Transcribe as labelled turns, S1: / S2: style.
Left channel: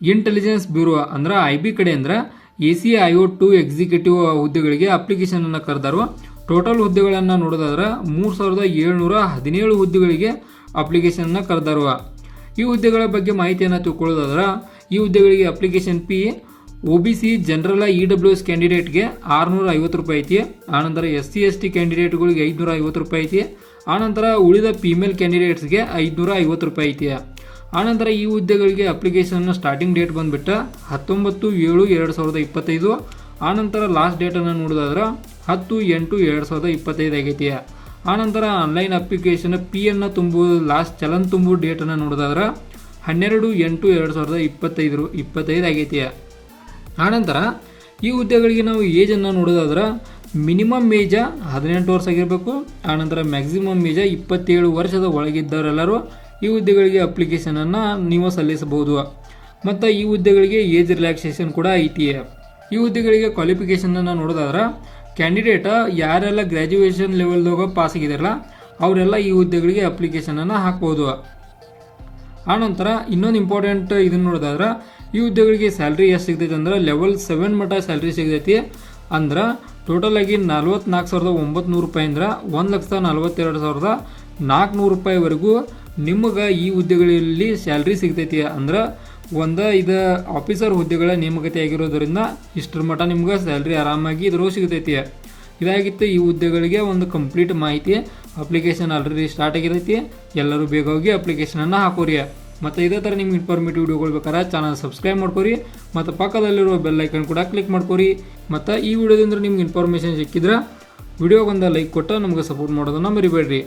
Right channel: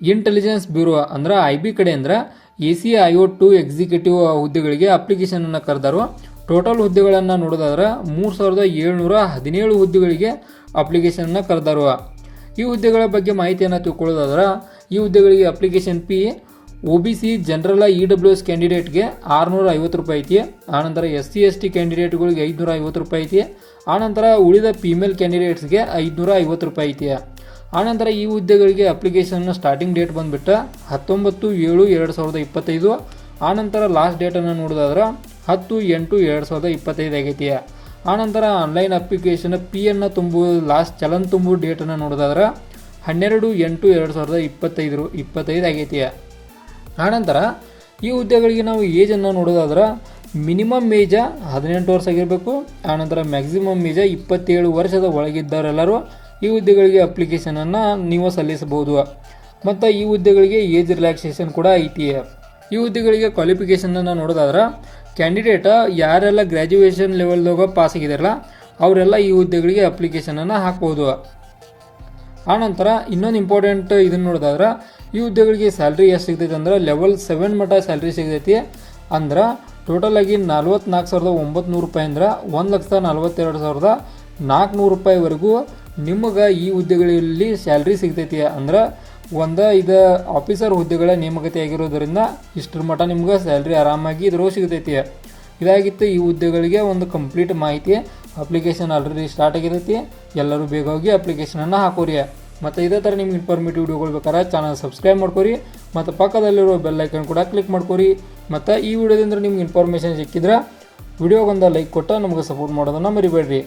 S1: Intelligence bureau ಅಂದ್ರೆ I B ಕಡೆ ಅಂದ್ರೆ A C I O two executive ಹುದ್ದೆಗಳಿಗೆ ಅಪ್ಲಿಕೇಶನನ್ನು ಕರೆದರು ಟೋಟಲ್ ಹುದ್ದೆಗಳನ್ನು ನೋಡೋದಾದ್ರೆ ಮೂರು ಸಾವಿರದ ಏಳ್ನೂರ ಹದಿನೇಳು ಹುದ್ದೆಗಳಿಗೆ ಅಪ್ಲಿಕೇಶನನ್ನು ಕರೆದರು ಈ ಹುದ್ದೆಗಳ ಬಗ್ಗೆ ಮಾಹಿತಿಯನ್ನು ತಿಳ್ಕೊಳ್ಳೋದಾದ್ರೆ ಈ ಹುದ್ದೆಗಳಿಗೆ application P O B C general E W S ಕ್ಯಾಂಡಿಡೇಟ್ಗೆ ಆರುನೂರ ಐವತ್ತು ರೂಪಾಯಿ ಐತಿ ಆನಂತರ ಎಸ್ ಸಿ ಎಸ್ ಟಿ ಕ್ಯಾಂಡಿಡೇಟ್ಗಳಿಗೆ ಐದುನೂರ ಐವತ್ತು ರೂಪಾಯಿ ಐತಿ ಆನಂತರ ಉಳಿದ ಫೀಮೇಲ್ ಕ್ಯಾಂಡಿಡೇಟ್ಸ್ಗೆ ಐದುನೂರ ಐವತ್ತು ರೂಪಾಯಿ ಐತಿ. ಆನಂತರ ಈ ಹುದ್ದೆಗಳಿಗೆ ಅಪ್ಲಿಕೇಶನ್ ಸ್ಟಾರ್ಟಿಂಗ್ ಡೇಟ್ ಬಂದುಬಿಟ್ಟು ಹತ್ತೊಂಬತ್ತು ಏಳು ಎರಡು ಸಾವಿರದ ಇಪ್ಪತ್ತೈದು. ಆನಂತರ ಲಾಸ್ಟ್ ಡೇಟನ್ನು ನೋಡೋದಾದ್ರೆ ಹತ್ತು ಎಂಟು ಎರಡು ಸಾವಿರದ ಇಪ್ಪತ್ತೈದು ಆಗೈತಿ ಆನಂತರ ಆನ್ಲೈನ್ ಅಪ್ಲಿಕೇಶನ್ ಪಿ ಅನ್ನು ತುಂಬುವುದು ಲಾಸ್ಟ್ ಚಲನ್ ತುಂಬುವ ಡೇಟನ್ನು ನೋಡೋದಾದ್ರೆ ಹನ್ನೆರಡು ಎಂಟು ಎರಡು ಸಾವಿರದ ಇಪ್ಪತ್ತೈದು ಇಪ್ಪತ್ತೈದು ಆಗೈತಿ ಆನಂತರ ಈ ಹುದ್ದೆಗಳಿಗೆ ನಾವು ಏಜನ್ನು ನೋಡೋದಾದ್ರೆ ಮಿನಿಮಮ್ ಏಜ ಹದಿನೆಂಟು ವರ್ಷ ಆಗಿರಬೇಕು, ಆನಂತರ ಮ್ಯಾಕ್ಸಿಮಮ್ ಏಜ ಇಪ್ಪತ್ತೇಳು ವರ್ಷದ ಒಳಗಿದ್ದವರೆಲ್ಲರೂ ಈ ಹುದ್ದೆಗಳಿಗೆ ಅಪ್ಲಿಕೇಶನನ್ನು ನೀವು ಸಲ್ಲಿಸಬಹುದು. ಮತ್ತು ಈ ಹುದ್ದೆಗಳಿಗೆ ಏಜ್ ರಿಲ್ಯಾಕ್ಸೇಷನ್ ಕೂಡ ಐತಿ. ಈ ಹುದ್ದೆಗಳಿಗೆ ಕ್ವಾಲಿಫಿಕೇಷನನ್ನು ನೋಡೋದಾದ್ರೆ ಕ್ಯಾಂಡಿಡೇಟ ಯಾರೆಲ್ಲ ಗ್ರ್ಯಾಜುಯೇಷನ್ ಲೆವೆಲ್ದಾಗ ಪಾಸ್ ಆಗಿದಾರಲ್ಲ, ಅವರೆಲ್ಲ ಈ ಹುದ್ದೆಗಳಿಗೆ ಅಪ್ಲಿಕೇಶನನ್ನು ಹಾಕ್ಬೋದು. ಆನಂತರ ಇನ್ನೊಂದು ಇಂಪಾರ್ಟೆಂಟ್ ಇದನ್ನು ನೋಡೋದಾದ್ರೆ, ಈ ಹುದ್ದೆಗಳಿಗೆ ಸ್ಯಾಲ್ರಿ ಎಷ್ಟು ಸಿಗ್ತೈತೆ ಅಂದ್ರೆ ಲೆವೆಲ್ ಸೆವೆನ್ ಮಟ್ಟ ಸ್ಯಾಲ್ರಿ ಸಿಗ್ತೈತಿ. ಅಂದ್ರೆ ಟೋಟಲ್ ಆಗಿ ನಲ್ವತ್ನಾಲ್ಕು ಸಾವಿರದ ಒಂಬತ್ತು ರೂಪಾಯಿ ಅಂದ್ರೆ ಒಂದು ಲಕ್ಷದ ನಲ್ವತ್ತೆರಡು ಸಾವಿರದ ನಾಲ್ಕುನೂರು ರೂಪಾಯಿವರೆಗೂ ನಿಮಗೆ ಈ ಹುದ್ದೆಗಳಲ್ಲಿ ಸ್ಯಾಲ್ರಿ ಸಿಗ್ತೈತಿ ಅಂದ್ರೆ ಒಂದು ಇದು ಆಫೀಸರ್ ಹುದ್ದೆಗಳ ನೇಮಕತೆ ಆಗಿರೋದರಿಂದ ಇಷ್ಟರ ಮಟ್ಟ ನಿಮ್ಗೆ ಸ್ಯಾಲ್ರಿ ಆರಾಮಾಗಿ ಇದ್ರೂ ಸಿಗ್ತೈತಿ. ಇದಾಗಿತ್ತು ಈ ಹುದ್ದೆಗಳಿಗೆ ಒಂದು ಕಂಪ್ಲೀಟ್ ಮಾಹಿತಿ ಅಪ್ಲಿಕೇಶನ್ ಆಲ್ರೆಡಿ ಸ್ಟಾರ್ಟ್ ಆಗಿರೈತಿ. ಎಲ್ಲರೂ ಬೇಗ ಹೋಗಿ ಅಪ್ಲಿಕೇಶನನ್ನು ಹಾಕೋರಿ. ಮತ್ತು ಇದೇ ಥರ ನಿಮ್ಗೆ ಇನ್ಫಾರ್ಮೇಟಿವ್ ವಿಡಿಯೋಗಳು ಬೇಕಾದ್ರೆ ಚಾನಲ್ ಸಬ್ಸ್ಕ್ರೈಬ್ ಮಾಡ್ಕೊರಿ. ಮತ್ತು ಪಕ್ಕದಲ್ಲಿರೋ ಬೆಲ್ ಐಕನ್ ಕೂಡ ಕ್ಲಿಕ್ ಮಾಡ್ಕೊರಿ. ಮತ್ತು ಈ ವಿಡಿಯೋದಿಂದ ನಿಮ್ಗೆ ಇನ್ಫಾರ್ಮೇಷನ್ ಸಿಕ್ಕಿದ್ರೆ ವಿಡಿಯೋಗೊಂದು ಲೈಕ್ ಕೊಟ್ಟು ನಮಗೆ ಸಪೋರ್ಟ್ ಮಾಡೋದನ್ನು ಮರಿಬೇಡ್ರಿ.